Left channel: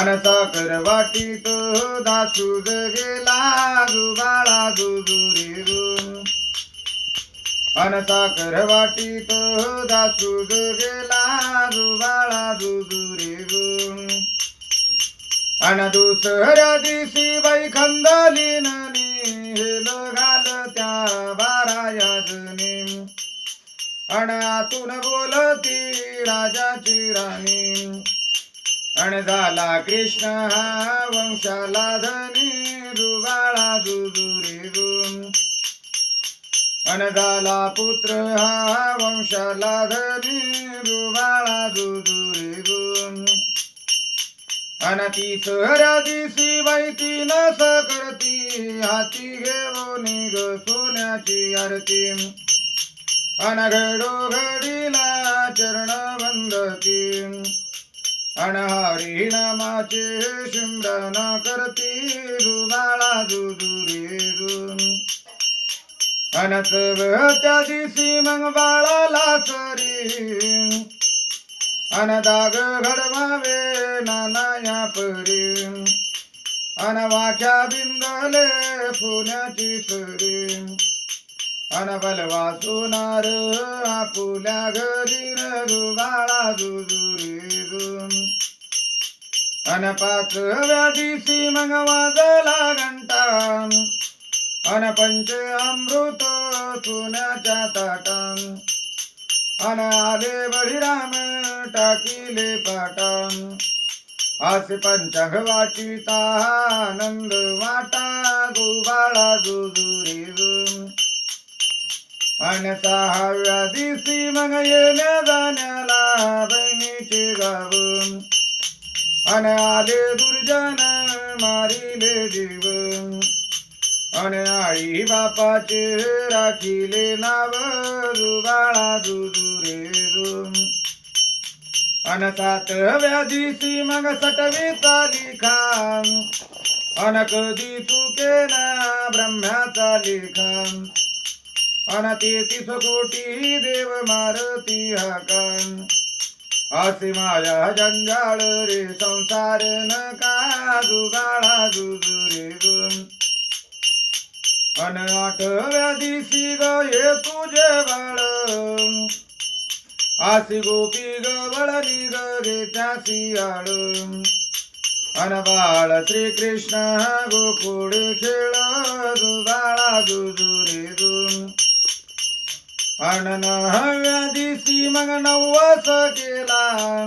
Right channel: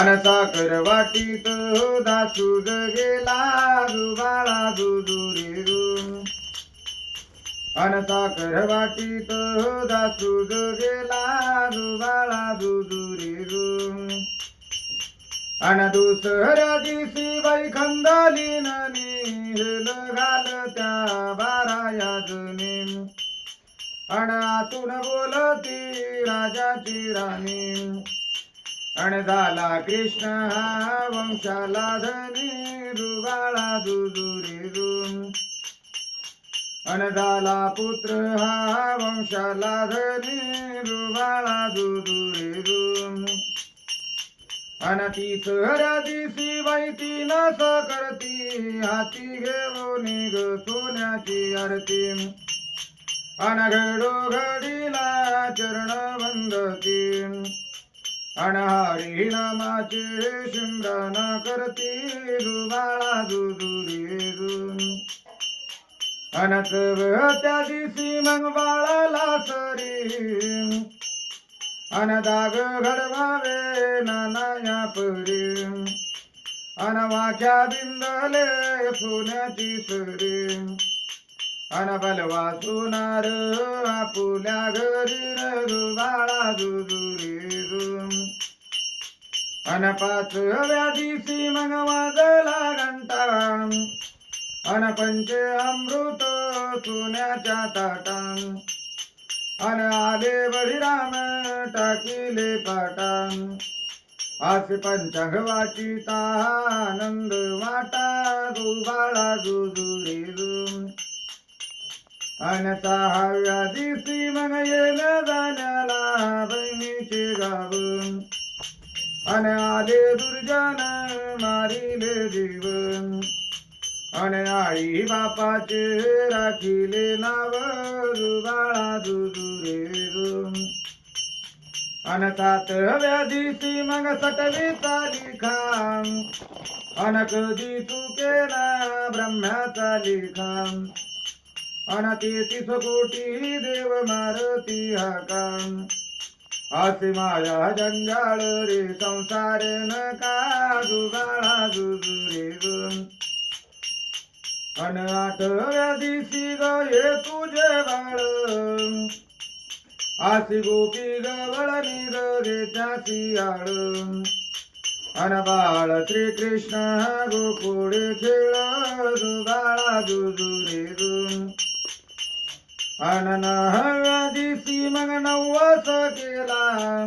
अन साखर वाटीत दासूद गेला जुबाळा जुजुरे रू अन साखर वाटीत दासूद गेला जुबाळा जुजुरे रू अन दुसऱ्या दिवशी बाई खंदलीन हेल घाल त्या बाराया जणी अन आतून बोलती राजाची राणी. अणदाला कृष्ण हा वंशाला धनी दुबाळा दुदुरे दुम अन पुत्र हा वंशाला धनी दुबाळा दुदुरे दुम अन ती सहऱ्या माहिती बाई ती करती हाती घेऊन ग सोन्याची आरती. अनघडो घडीला चरण वंदती अनहारी नामाचे शिमरन करती दुबाळा दुदुरी दू अन त्या दिवशी मग बाळाला सरी अन दाग घडवावे नानाया परी अनवाख्या बिंदले सोन्याची सरी अन सुनार आपुल्या घरी रघुबाळा दुदुरी रुम अन पाच दिवशी मग वाजला घंटा. अन पंच अमृत सुन्याच्या ताटा. अन आले बळीराम टाकिले पाटा. आसे पंचांग वाचिता आनंद वाटा गोबाळा जुजुरे अन सहाव्या दिवशी मग येण्या जाण्याला बहिणीचे गावून अनाले दुर्जन मारिले जीव अन आई बापाचे राखिले नाव रुबाळा दुजुरे अन सात व्याधीसी मग सटली चाली खाम. अन कधी चुके ना ब्रह्म्याचा लिखाम अन तेहतीस कोटी देव मारती हाकान असे माझ्या जंजाळ रे संसार नका जुगाळा जुजुरे अन आठव्या दिसी ग ये तुझे बाळ आसी गोपी ग वळणी ग गे त्यासी आळ. अन बाळ श्री कृष्ण गोकुळ खेळ जुगाळा जुजुरे जुम अन नवव्या दिवशी मग नवस केला.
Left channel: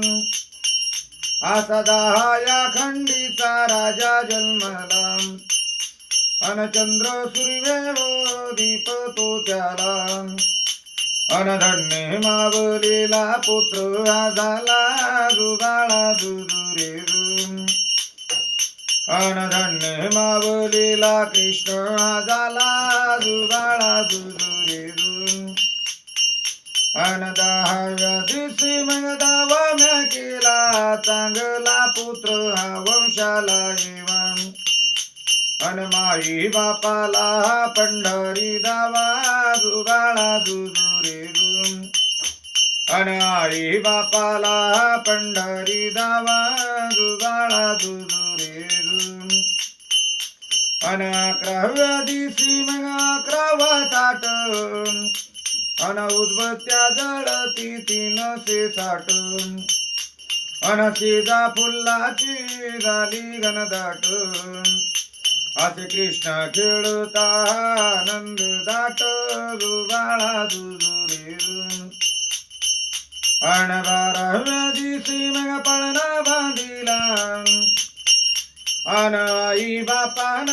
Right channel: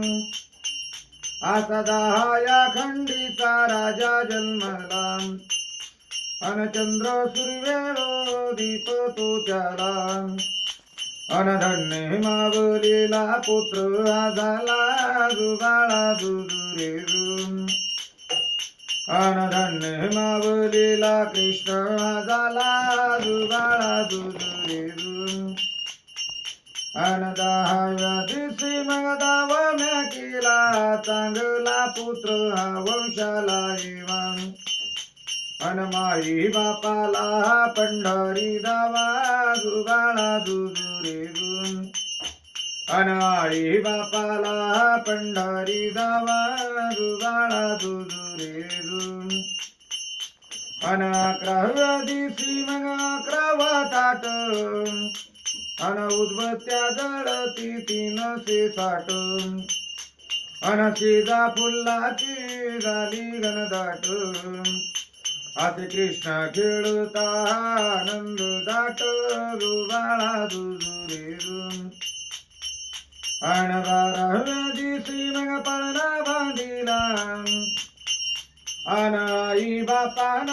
आता दहा या खंडीचा राजा जन्मला. अन चंद्र सूर्य दीप तो त्याला. अन मावलेला पुत्र हा झाला जुगाळा दुजुरे जुम अन मावलेला कृष्ण हा झाला जुगाळा दुजुरे जुम अन मग दावा केला चांगला पुत्र हा वंशाला येवा अन बापाला पंढरी दावा जुगाळा दुजुरे जुम अन आई बापाला पंढरी दावा जुगाळा दुजुरे जुम अन अकराव्या दिवशी मग अकरावा ताट. अन उदबत्त्या जळती तीनशे साठ. अन शेजा फुल्लाची झाली घनदाट. असे कृष्ण खेळता आनंद दाट दुबाळा दुजुरे अन बाराव्या दिवशी मग पळणा बांधिला. अन आई बापान